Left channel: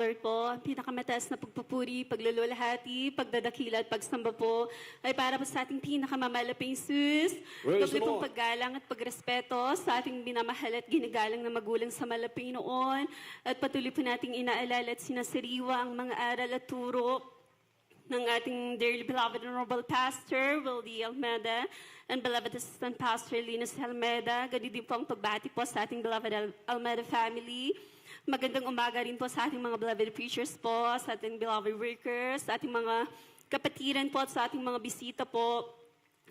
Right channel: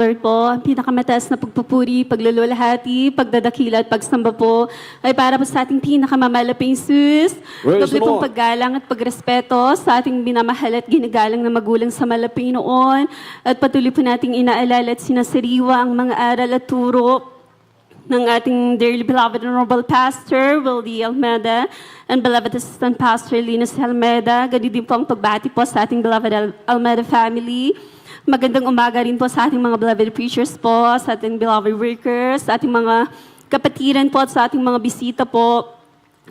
Lord po, ang pinakamataas na pagpupuri, paglululhati, pagdadakila at pagsamba po ay para po sa ating pinakamamalaping sus. Praise Doble the pong Lord. paggalang at pagrespeto sa ating minamahal at ginagalang na magulang sa malaping noon. At patuloy po nating inaalala at sinasariwa ang mga aral at turo ng ating dearly beloved and honorable pastor, Wildy Almeda, and beloved assistant pastor, Linus Almeda. Ganun din po ang pagbati po sa ating beloved Almeda family. Magandang umaga rin po sa ating mga beloved preachers po, sa ating beloved workers, sa ating mga kapatiran po at sa ating mga bisita po.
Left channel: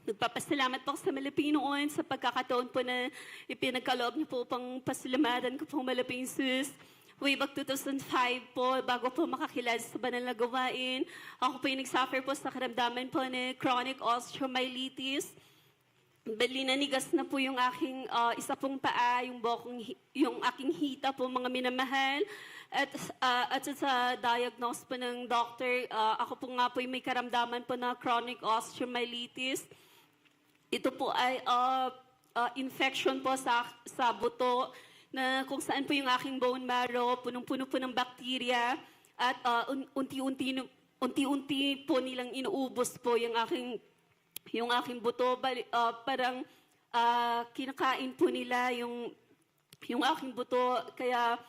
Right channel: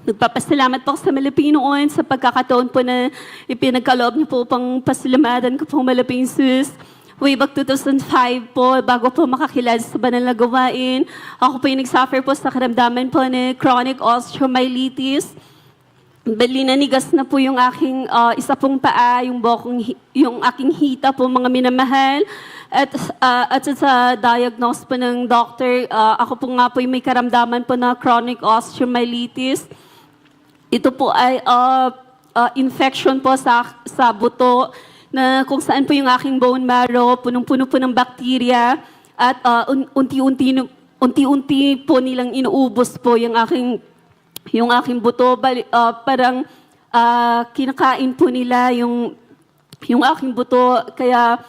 Nagpapasalamat po sa malaping noon sa pagkakataon po na ipinagkaloob niyo po pang pasalamatan ko po malaping sus. Way back 2005 po, bago po makakilala sa banal na gawain, ako po yung nagsuffer po sa karamdaman po na chronic osteomyelitis. Bali nanigas na po yung aking isa pong paa, yung aking hita po mga minamahal. At sa diagnose po ng doctor, ako po nga po yung may karamdaman po na chronic osteomyelitis. Ito po ay infection po sa buto na kung saan po yung aking bone marrow, punong-puno po ng bacteria at unti-unti po nilang inuubos po yung aking buto. Parang kinakain po nila yung aking buto. Kaya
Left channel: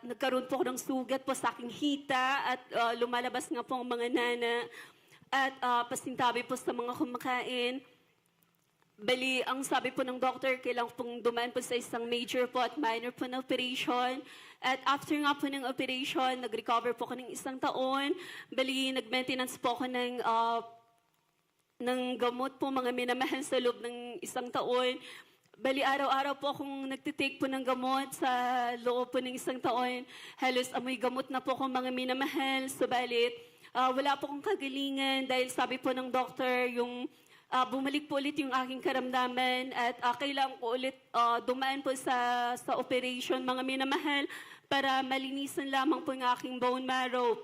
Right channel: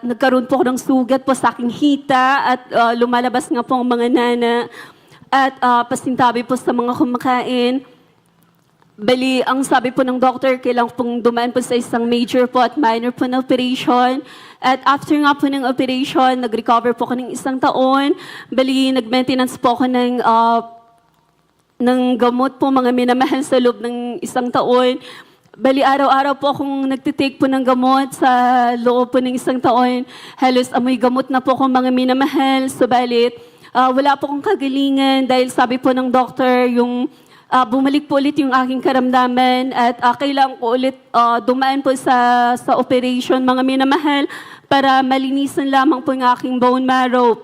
nagkaroon po ako ng sugat po sa aking hita at lumalabas nga po ang mga nana at pasintabi po sa mga kumakain. Bali, ang sabi po ng doctor, kailangan pong dumaan po sa isang major po at minor po na operation. At after nga po ng operation, nag-recover po ako ng 1 taon. Bali, nag-maintenance po ako ng gamot po mga minamahal sa loob ng 1 taon. Bali, araw-araw po akong nagtitake po ng gamot sa loob po ng 1 taon. Halos amoy gamot na po akong mga minamahal. Subalit, wala po akong kagalingan dahil sabi po ng doctor, bumalik po ulit yung aking karamdaman at kailangan ko ulit dumaan po sa operation mga minamahal para malinisan lamang po yung aking bone marrow.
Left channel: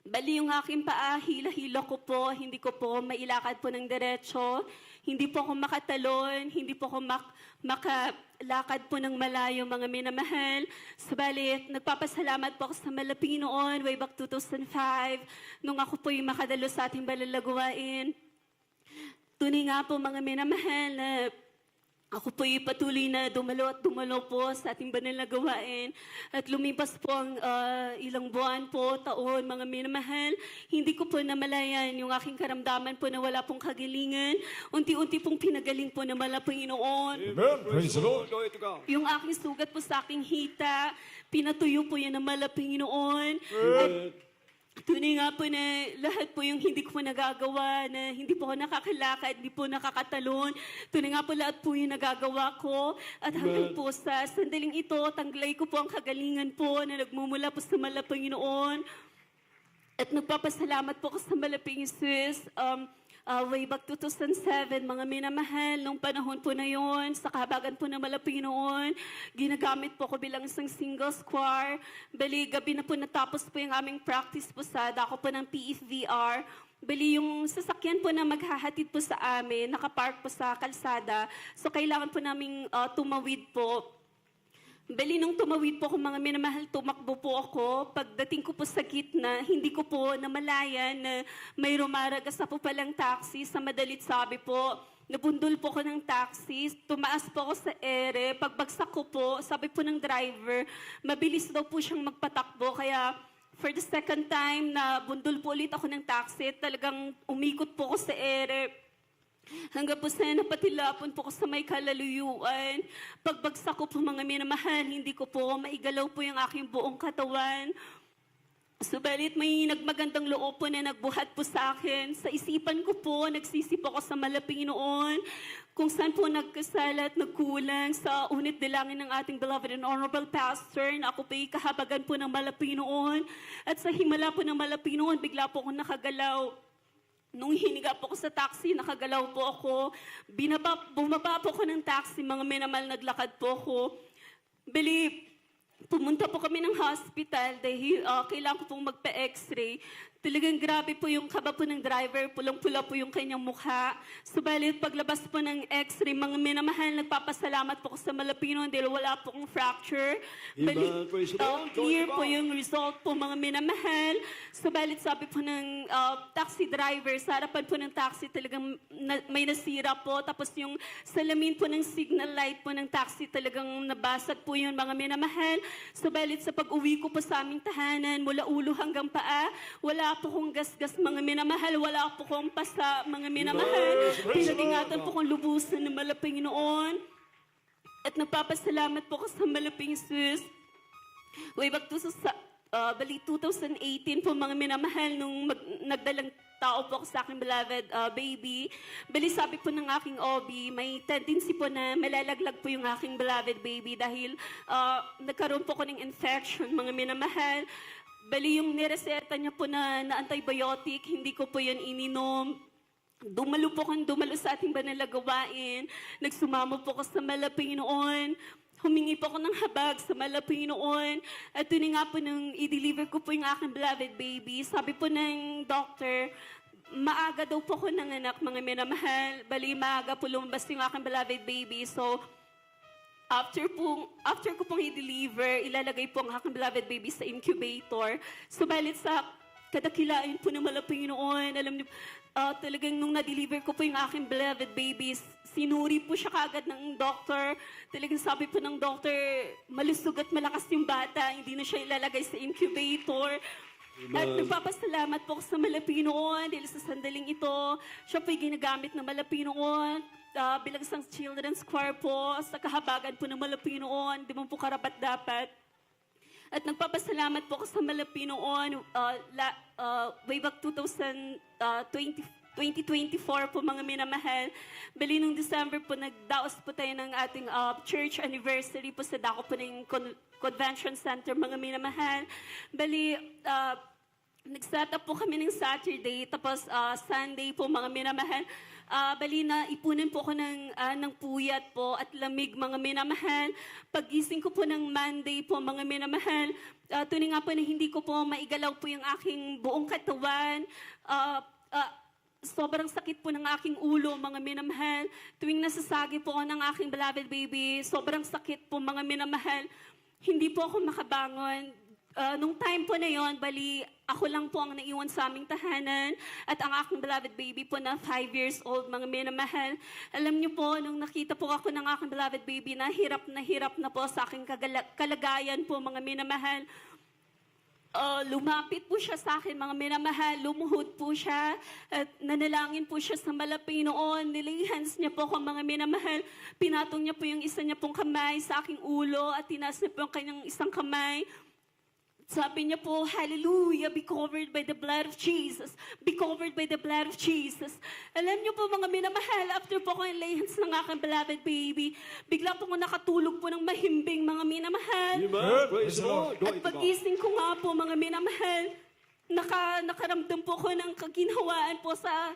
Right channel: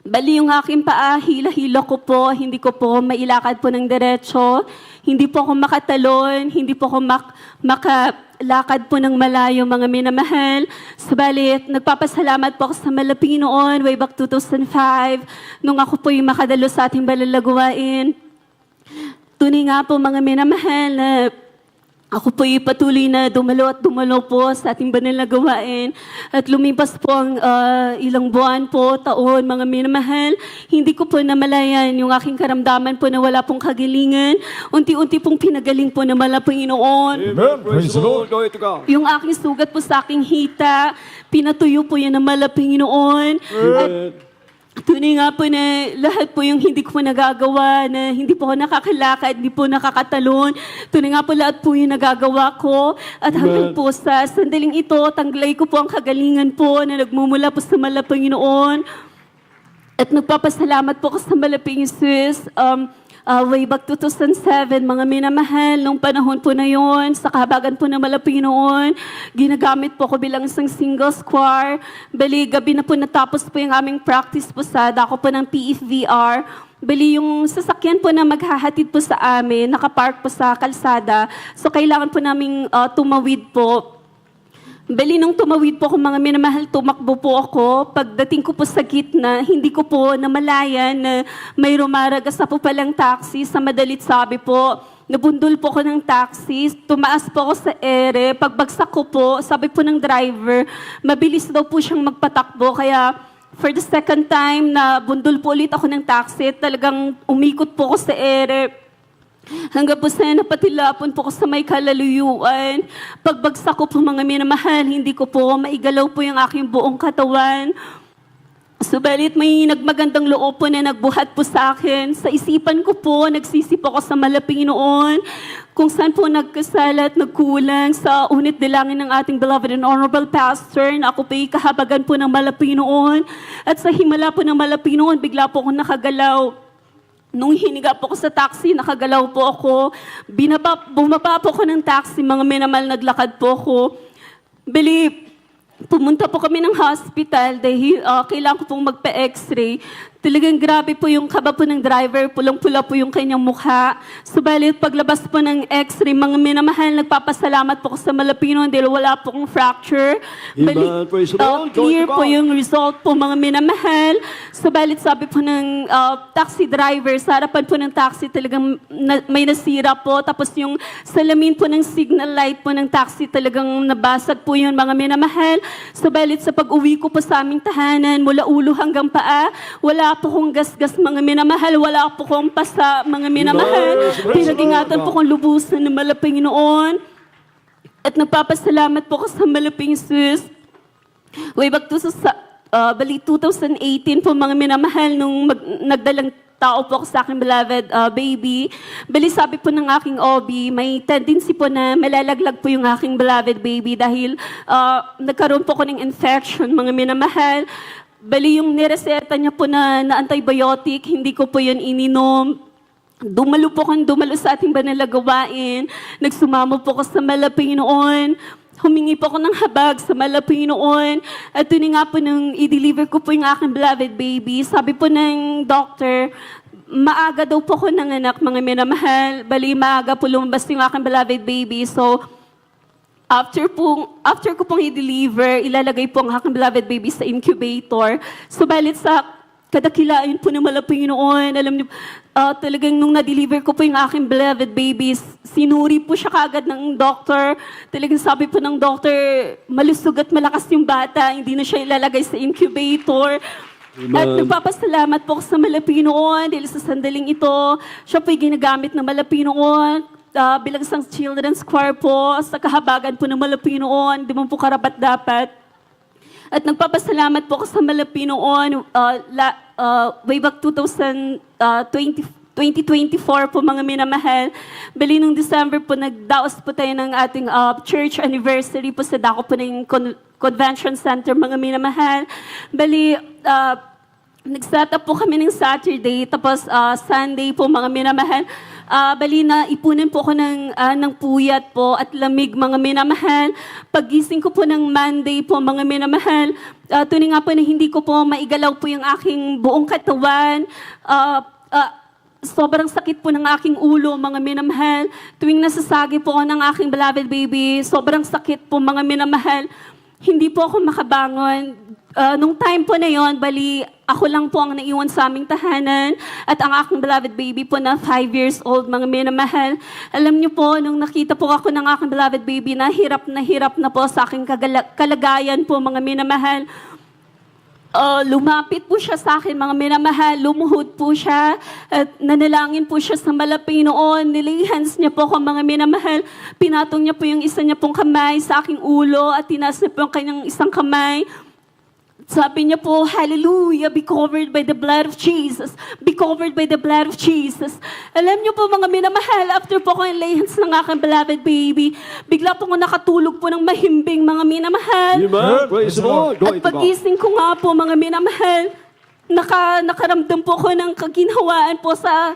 Bali yung aking paa, hila-hila ko po, hindi ko po mailakad po ng diretso, hindi po ako makatalon, hindi po ako makalakad po ng malayo mga minamahal. Subalit, nagpapasalamat po ako sa malaping noon, way back 2005, nung ako po yung makadalo sa ating balalaguwain. Tunay nga po mga minamahal na ako po yung patuloy na dumalo at dumalo po sa ating banal na gawain. At lumipas po ang ilang buwan po, taon, mga minamahal. Hindi ko po namalayan yung aking karamdaman po na wala pong kagalingan. Unti-unti pong pinagaling po na mala Panginoon. Amen. Praise the Lord. Glory to God. Yung aking sugat po sa aking hita, pinatuyo po yan na mala Panginoon. At tunay nga po na lahat po yung hindi ko po nagagawa, na hindi po ako nakakalakad, hindi po nakakatalon. Tunay nga po lahat po yung nagagawa ko. At hanggang po sa sandaling ito, tanglay ko po ang kagalingan po na nagmumula po sa malapang Panginoon. At nagpapasalamat po ako sa malaping Jesus. Way back 2007, mga minamahal, nung panahon po na yon, sa kahabagan po ng malaping noon, ginagamit po ako bilang isang single square. Bali, gabi na po natapos po yung aming practice po sa dako po ng PFVR. Bali, yung sasakyan po na maghahatid po sa amin, nakapark po sa kalsada. So, kailangan po naming tumawid po. Bali, nung tumawid po ako mga minamahal, tumakbo po ako. Pagdating ko po sa gitna, hindi ko po namalayan na may rumaragas na po palang taxi. Sa madalit sabi po, nabundol po ako ng taxi, tumaas po ako sa ere. Pagbagsak ko po, sabi po ng driver, mabilis daw po siyang magpatakbo. Kaya for the second time na bundol po ulit ako ng taxi, talagang umikot po ako sa ere. Hanggang po sa napatilapon po ko sa may kalaluyuan. Pagbagsak ko po mga minamahal, hindi ko po maigalaw po yung aking buong katawan. Subalit may nagmagandang loob po na nagbuhat po sa akin. Sa isipan ko po, nagsisip ako sa malaping noon, kung saan po nagkasala at nagkulang sa unit dilangin ng ating beloved and honorable pastor, na ako po kahabagan po ng malaping noon. At sa himala po ng malaping noon, bigla po akong nakagalaw. Nung hiniga po ako sa taxi, nakagalaw po ako. Bumaba po ako ng taxi, mga minamahal, naglakad po ako. Bali, pumunta po kami ng hospital dahil kailangan ko pong magpa-x-ray. Talagang grabe po yung kaba po ng driver, pulang-pula po yung kanyang mukha. Subalit paglabas po ng x-ray, mga minamahal, nagpapasalamat po ko sa Malapino dahil wala po kong fracture. Amen. Praise the Lord. Clear Glory to po God. yung result po, mga minamahal. Subalit sabi po ng taxi driver, sa harapan po ng taxi talagang may nasira po. Tapos yung salamin po ng signal light po ng taxi talagang nabasag po yun, mga minamahal. Subalit sa pag-uwi ko po sa aming tahanan, mula ulo hanggang paa, wala po kong gasgas, mga minamahal. Wala po kong pasa, mga minamahal. Pinag-ingatan po kong lubusan ng malaping noon. At nagpapasalamat po ko sa malaping sus. Way back to sa bali 2018 po, mga minamahal, nung nagdalang tao po ako sa aking beloved baby. Bali sabi po ng aking OB, may tendency po na malalaglag po yung aking beloved baby dahil nagkaroon po ko ng infection, mga minamahal. Bali yung nireseta niya po na antibiotic, hindi ko po yun ininom. Dumalo po kung dumalo sa ating banal na gawain. Nagsumamo po ko sa malaping noon. Humingi po ako ng habag sa malaping noon. At yun nga po nung i-deliver ko po yung aking beloved baby, sabi po ng doctor, maaga daw po ko nanganak, mga minamahal. Bali, maaga po lumabas yung aking beloved baby. So, after ko pong i-deliver, ilalagay po ang aking beloved baby sa incubator. Subalit sa kadakilain po ng malaping noon, alam niyo, talagang nung na-deliver ko po yung aking beloved baby, sinuri po siya kaagad ng doctor. Talagang sabi po ng doctor, malusog at malakas yung bata, hindi na siya ilalagay sa incubator. At nagpapasalamat po ako sa Malapinoon dahil sa sandaling ito, siya po'y ginagamit ng Malapinoon bilang isang children's choir po sa kahabagan po ng Malapinoon, di mo po karapat-dapat. At nagpapasalamat po ako sa Malapinoon way back 2024 po, mga minamahal. Bali nung December po, nagdaos po tayo ng ating church anniversary po sa dako po ng Convention Center, mga minamahal. Bali, nag-set up po kami ng Saturday, tapos Sunday po, mga minamahal. Bali na ipunin po ako ng puyat po at lamig, mga minamahal. Paggising ko po ng Monday po, mga minamahal, tuloy nga po na hindi ko po maigalaw po yung aking buong katawan. Sobrang sakit po ng aking ulo, mga minamahal. Tuwing nasasagi po ako ng aking beloved baby, sobrang sakit po, mga minamahal. Hindi po ako makabangon. Nung time po na yon, bali, ako lang po ang naiwan sa aming tahanan at ang aking beloved baby po na 5 years old, mga minamahal. Alam niyo po, nung nakita po ako ng aking beloved baby, na hirap na po sa aking kalagayan po, mga minamahal. Lumapit po siya sa akin, mga minamahal, lumuhod po siya at nanalangin po siya sa malaping noon. Nilay-hands niya po ako, mga minamahal. Pinatong niya po yung isa niya pong kamay sa aking ulo at tinaas niya po yung kanyang isang kamay. Sabi niya po, hallelujah, be covered by the blood of Jesus. Be covered by the blood of Jesus. Alam niyo po, mga minamahal, after po ko yung lay hands ng aking beloved baby, bigla po ko nakatulog po ng mahimbing, mga minamahal. Amen. Praise the Lord. At Glory to God. pagising ko nga po, mga minamahal, nakaramdam po ko ng kaginhawaan po sa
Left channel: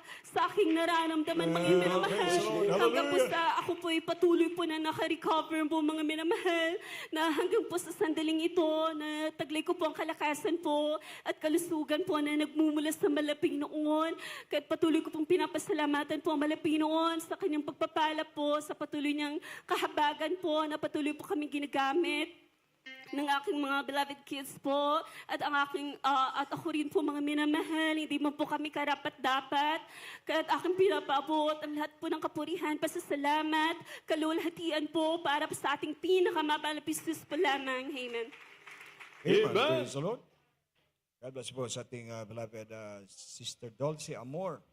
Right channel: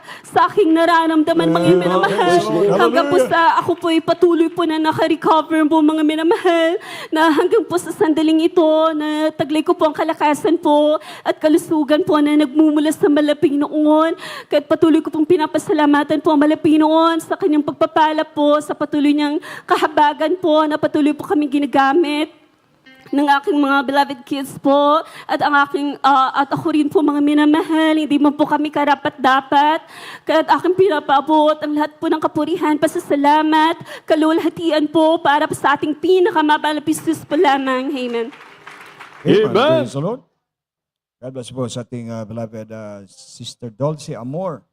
aking nararamdaman, mga minamahal. Hanggang po sa ako po ay patuloy po na naka-recover po, mga minamahal, na hanggang po sa sandaling ito, na taglay ko po ang kalakasan po at kalusugan po na nagmumula sa malaping noon. Kahit patuloy ko pong pinapasalamatan po ang malaping noon sa kanyang pagpapala po, sa patuloy niyang kahabagan po na patuloy po kami ginagamit ng aking mga beloved kids po at ang aking at ako rin po, mga minamahal, hindi mo po kami karapat-dapat. Kaya aking pinapaabot ang lahat po ng kapurihan, pasasalamat, kalulhatian po para sa ating pinakamabalapis po lamang. Amen. Amen. Praise the Lord. God bless po sa ating beloved Sister Dulce Amor.